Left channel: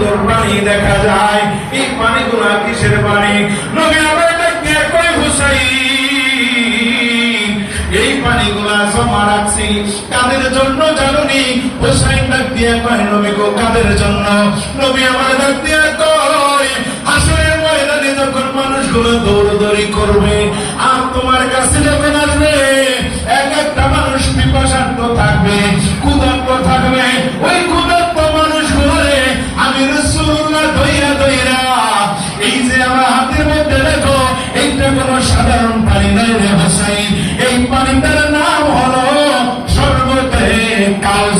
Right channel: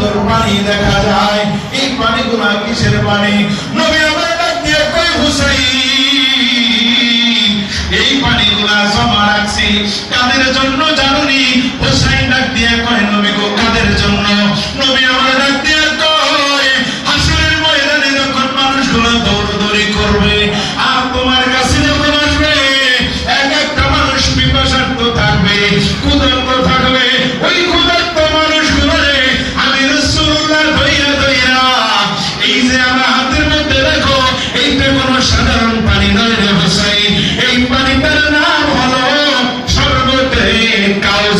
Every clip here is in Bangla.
সুন্দর পানি দেখা যায়। এই কিসের পানি ডাক দিয়ে হুসাইন। এই পানিগুলা জমা রাখছি। কাদের জন্য জানুনি? হুসাইন ডাক দিয়ে কয়, নবী গো, কাদের জন্য? নবী সাধারণ পানি নয় রে হোসাইন। এই পানিটার নাম হলো স্বর্গতে কাউসার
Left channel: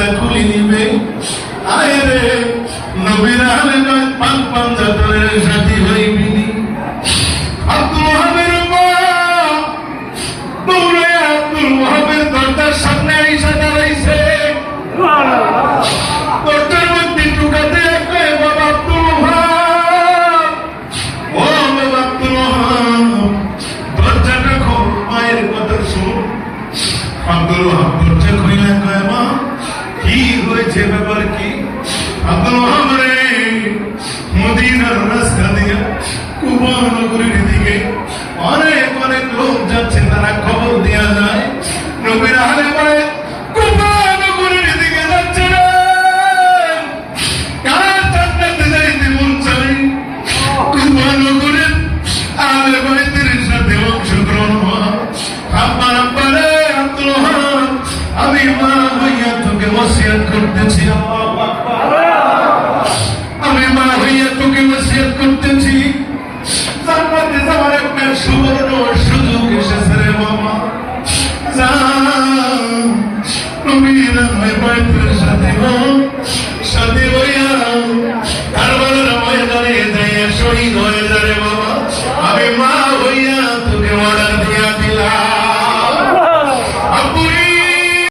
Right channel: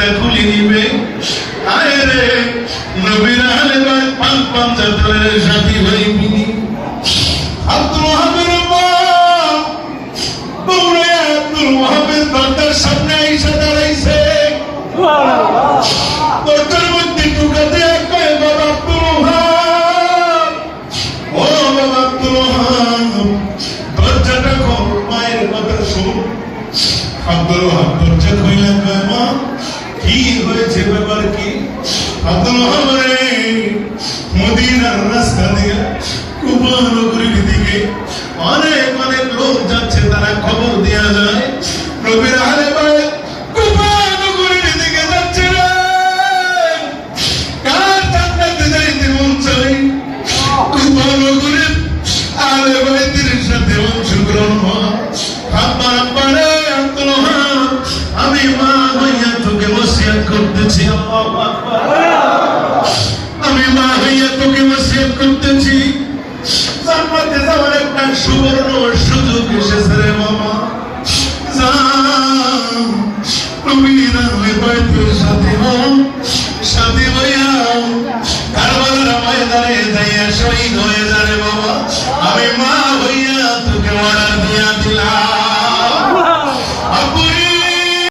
রাস্তা খুলে নিবে। আয় রে, নবীর আলেমায় পাঁচ পাঞ্জাতনের সাথী হইবি আব্দুল মা দৌড়ে আব্দুল ওহাবের দরজার সামনে আইসা দাঁড়াইছে। দরজার মধ্যে ঢুকাতে বাবা আব্দুল ও বাবা আব্দুল মা হইয়া তোকে ওসিয়াত করতেছি। আমি মা হইয়া তোকে ওসিয়াত করতেছি। জান্নাতে যাওয়ার একটা সুবর্ণ সুযোগ এসেছে রে মামা যা নবীরা সাথে মা